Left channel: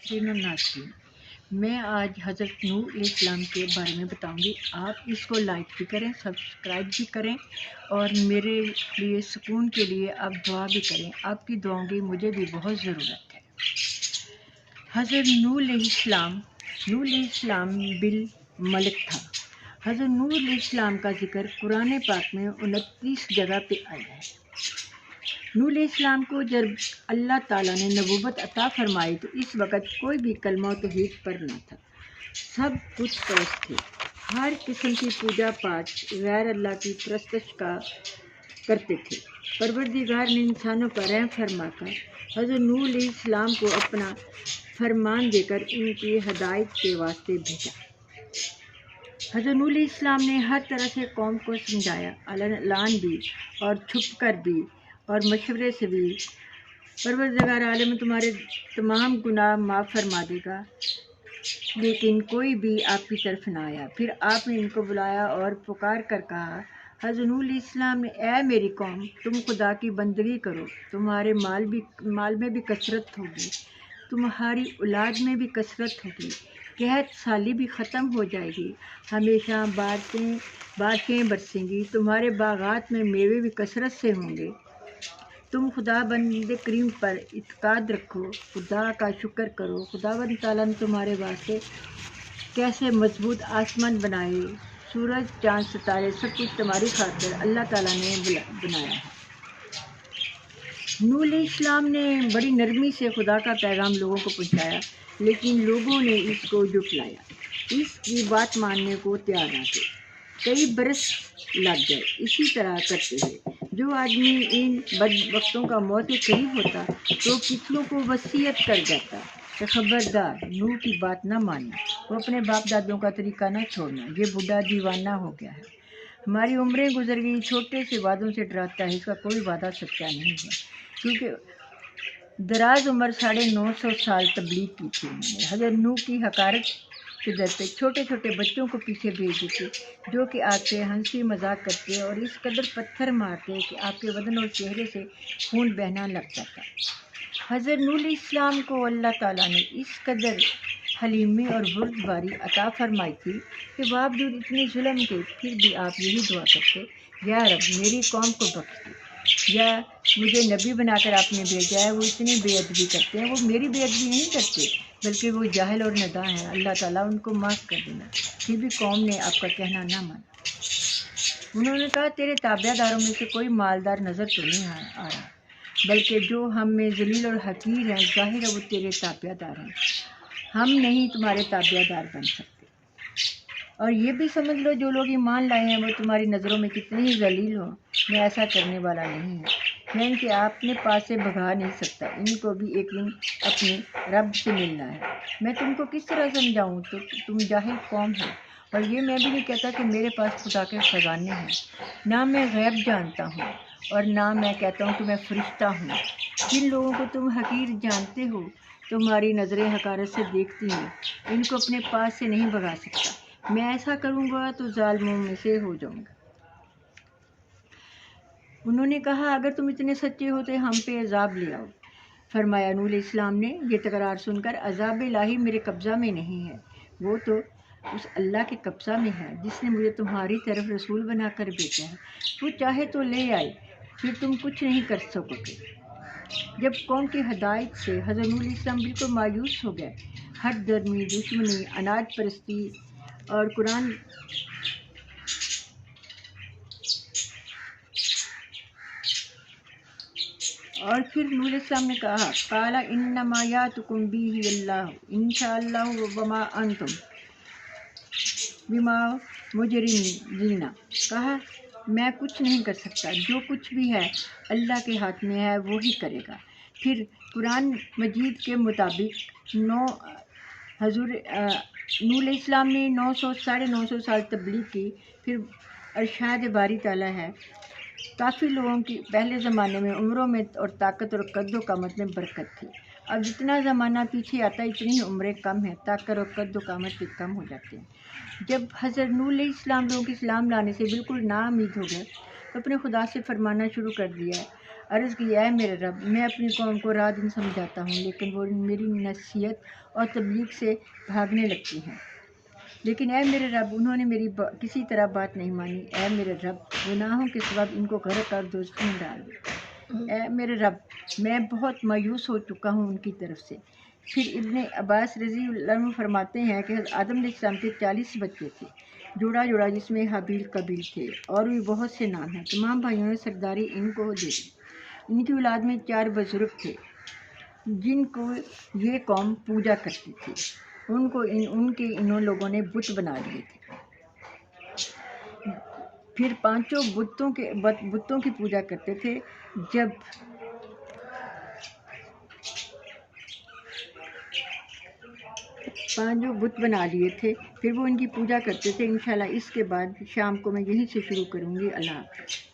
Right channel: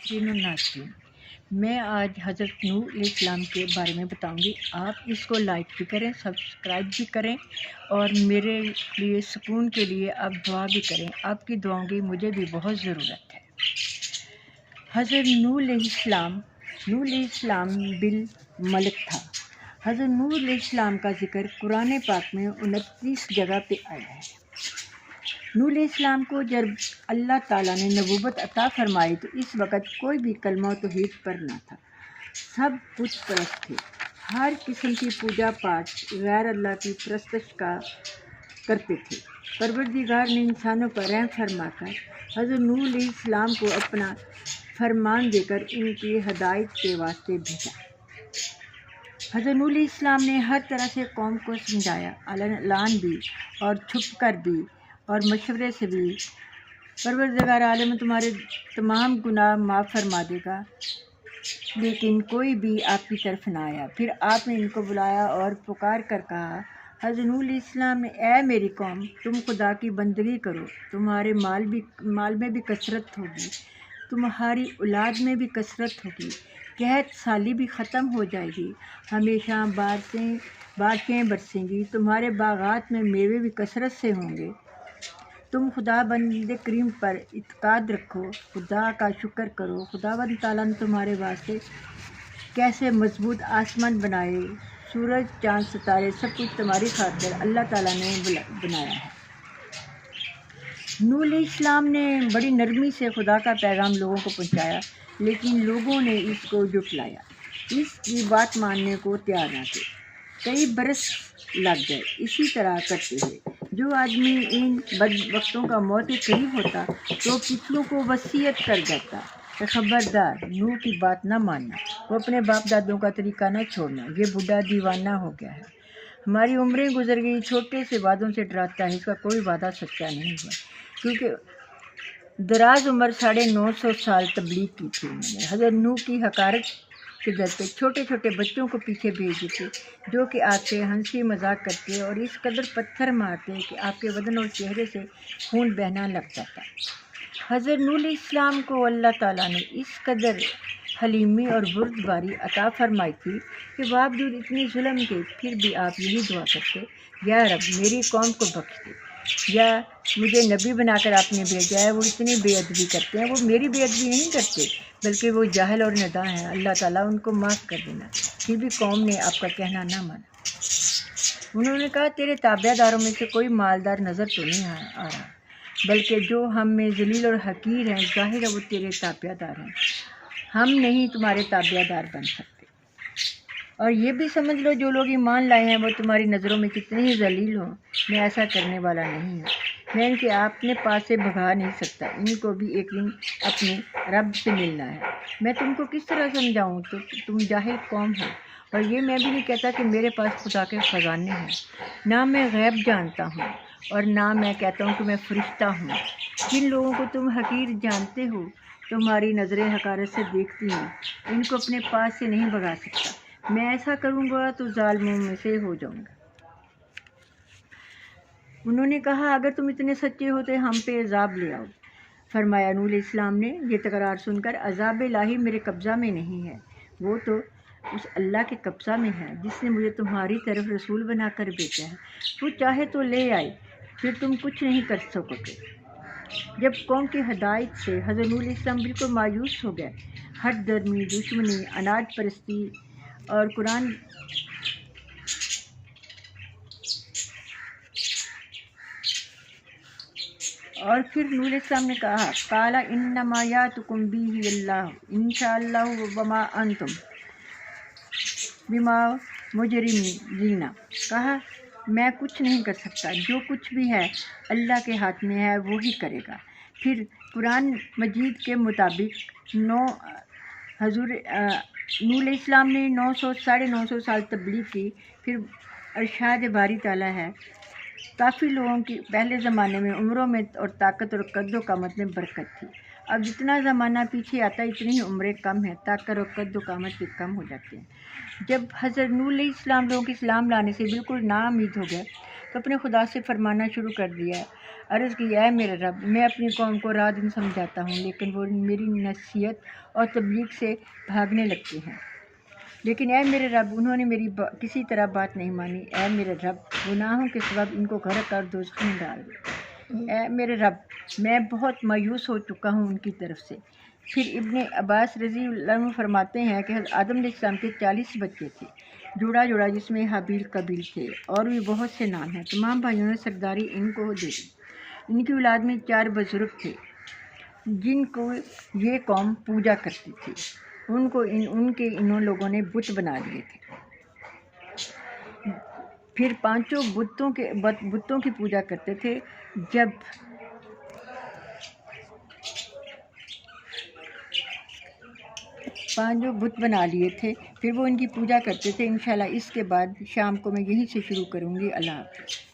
ناظرین و ناظرین، میں آج حضرت نوح علیہ السلام کے بارے میں بتاؤں گی۔ آپ اس کو لائک بھی کریں، سبسکرائب بھی کریں، اور میرے لیے سکون کے لیے آپ دعا بھی کریں۔ آپ کی دعاؤں کی مجھے بھی بہت ضرورت ہے۔ حضرت نوح علیہ السلام بالملک تھا۔ حضرت نوح علیہ السلام کا ذکر قرآن پاک میں 29 جگہ پہ آیا ہے۔ نوح علیہ السلام کو جب اللہ تعالیٰ نے نبوت عطا فرمائی تو اس وقت کوئی بھی کلمہ و توحید پر نہ تھا، سب کچھ پرست تھے، ہر قسم کی پوجا پاٹ غیر اللہ کی پرستش کا کرتے تھے۔ پروردگار نے انسانوں پر رحم فرما کر حضرت نوح علیہ السلام کو اپنا فرمان دے کر ان کی ہدایت کے واسطے بھیجا۔ حضرت نوح علیہ السلام نے ہر طرح سے قوم کو سمجھایا، اعلان بھی اور چھپ کر بھی اور مشورے سے بھی۔ پروردگار عالم تمہارے تمام گناہ معاف فرما دے گا، لیکن کوئی بھی آپ کی طرف نہ آیا۔ پھر آپ نے ان کو بلایا اور پکار کر کہا، حضرت نوح علیہ السلام نے، اے میری قوم، تم خدا کی بندگی کرو، تمہارے مال میں بھی کثرت ہوگی، تمہاری اولاد میں بھی کثرت ہوگی، قحط سالی بھی ختم ہو جائے گی، ہمیشہ بارشیں برسیں گی، تمہارے باغات میں میوے بھی کثرت سے ہوں گے۔ تم خدا بند کریم پر اعتقاد رکھو، خدا کا شکر کرو۔ خدا بند تعالیٰ نے تمہارے واسطے کیسے مضبوط آسمان بنائے، سورج چاند ستارے سب کچھ تمہاری خاطر اللہ تعالیٰ نے بنایا ہے۔ نوح علیہ السلام نے بڑی نرمی سے خدا کا پیغام لوگوں کو پہنچایا، لیکن لوگوں نے اس کو جھٹلایا، اس کی بات ماننے کو تیار نہ تھے۔ کئی برس لگ گئے اسی طرح کرتے ہوئے۔ جو آدمی ان بدبختوں کا موت کے قریب ہوتا تو پچھلوں کو وصیت کر جاتا کہ خبردار، نوح کی بات نہ ماننا، وہ اپنے باپ دادوں کا طریقہ نہ چھوڑنا، یہ بوڑھا دیوانہ ہو گیا ہے، ہماری عمریں گزر گئی، چھوٹے سے وعدوں سے ڈراتا ہے، اس کا کوئی وعدہ سچا نہیں ہے۔ کیونکہ دراز عمر 950 سال تبلیغ کی تھی انہوں نے۔ حضرت نوح کی حقارت کے ڈر پہ چھوٹے چھوٹے بچوں کو پیچھے بھیج دیتے، جو کہ آپ سے ہنسی مذاق کرتے اور اس قدر پتھر مارتے کہ آپ کے بدن اور چہرے سے خون بہنا لگ جاتا۔ حضرت نوح علیہ السلام کو اللہ تعالیٰ نے اس قدر حلیمی اور بردباری عطا فرمائی تھی کہ باوجود اتنی ظلم کے پھر بھی آپ یہی دعا کرتے، یا رب میری قوم کو بخش دے، یا مجھے نبی بنا کر آپ نے بھیجا ہے، وہ اتنی بے ادبی کرتے ہیں، وہ میری بے ادبی نہیں کرتے بلکہ وہ جاہل اور ناداں ہیں، اللہ تعالیٰ ان کو معاف کر دینا۔ پھر بھی قوم نے آپ کا کہنا نہ مانا۔ انہوں نے کہا، تیرے تابع داروں میں سے کوئی مالدار نظر تو نہیں آ رہا، بلکہ جو ہم میں ذلیل اور حقیر ہیں، ظاہر ہے وہ تیرے تابع دار ہیں، ہم نہیں تمہارے تابع دار بن سکتے۔ اور یہ بھی سمجھ لو، جو لوگ ایمان لائے ہیں وہ تمہاری نظروں میں کتنے ہی ذلیل ہوں، میں ایسا کرنے والا نہیں ہوں، میں ان کے اپنے پاس سے بھگا نہیں سکتا، ان کو بھی ایک دن اپنے رب سے ملنا ہے۔ میں تم کو کس طرح سمجھاؤں، تو تم جاہل قوم ہو، اور یہ میں بھی نہیں کہتا کہ میرے پاس خدا کے خزانے ہیں، نہ میں غیب جانتا ہوں اور نہ میں کہتا ہوں کہ میں فرشتہ ہوں۔ جن لوگوں کو تم حقیر جانتے ہو، تمہاری نظریں حقارت سے دیکھتی ہیں، ان کو اپنے پاس سے نہیں بھگا سکتا۔ میں ایسا کروں گا تو ظالموں میں سے ہو جاؤں گا۔ انہوں نے کہا، اگر تم اتنے سچے ہوتے ہم پہ عذاب لے آؤ۔ فرمایا نوح علیہ السلام نے، یہ تکرار سن کر، عذاب الہی میرے قبضہ میں نہیں ہے، وہ تو اس اللہ کے قبضہ میں ہے جس نے مجھے تمہاری طرف رسول بنا کر بھیجا ہے، وہ چاہے تو لے آئے، پھر تم کچھ نہیں کر سکو گے۔ جب قوم کی ہدایت سے حضرت نوح علیہ السلام بالکل مایوس ہو گئے، ہٹ درمی، دشمنی، اناج پرستی اور قرآن اور پھر نوح علیہ السلام نے کہا، قال انما یاتکم بہ اللہ ان شاء اللہ وما انتم بما مجرمین، کہا میں کچھ نہیں کر سکتا، جو کچھ بھی ہے اللہ کے ہاتھ میں ہے، وہی کرے گا۔ پھر قرآن مجید کے مطابق حضور نوح علیہ السلام نے 900 سال تبلیغ کی۔ پھر ارشاد باری تعالیٰ ہے، کافی لوگوں کی پہلے زمانے میں عمروں میں اور طاقت اور قد و قامت میں برکت تھی، اب جتنا زمانہ پیچھے آتا ہے اتنی ہی عمریں کم ہیں، طاقت اور قد و قامت بھی کم ہو جاتے ہیں۔ جب حضرت نوح علیہ السلام لوگوں کے اسلام لانے سے بالکل نا امید ہو گئے تو اپنے خدا سے فرمانا شروع کر دیا، عرض کی اے میرے رب میں اپنی قوم کو راہ دن سمجھاتا ہوں لیکن وہ میری نصیحت اور تبلیغ سے بھاگنے لگتے ہیں۔ لیکن اے میرے رب انہوں نے میری کسی طرح بات نہیں مانی۔ اے میرے رب گناہوں کے سبب ان کو غرق کر دوزخ میں ڈال دے۔ اے میرے رب میں بہت مایوس ہو چکا ہوں ان کی طرف سے۔ پھر ابن عباس رضی اللہ عنہ فرماتے ہیں کہ حضرت آدم علیہ السلام کے 40 بچے تھے، جوڑا جوڑا جس میں حابیل قابیل تھے، اور بھی بہت سے نام ہیں۔ تمام بھائیوں نے سرداری ان کو دے دی۔ ان کی اولاد میں 4 بزرگ تھے جن کو یہ قوم پوجا کرتی تھی، ان کو انہوں لوگوں نے بت بنا دیے تھے۔ پھر 5 بتوں کی پوجا کرتے تھے۔ جب 5 بت بنا لیے تھے پھر وہ ان کی پوجا کرتے تھے۔ انشاءاللہ اس کے بعد شام کو میں یہیں سے شروع کروں گی۔ اللہ حافظ۔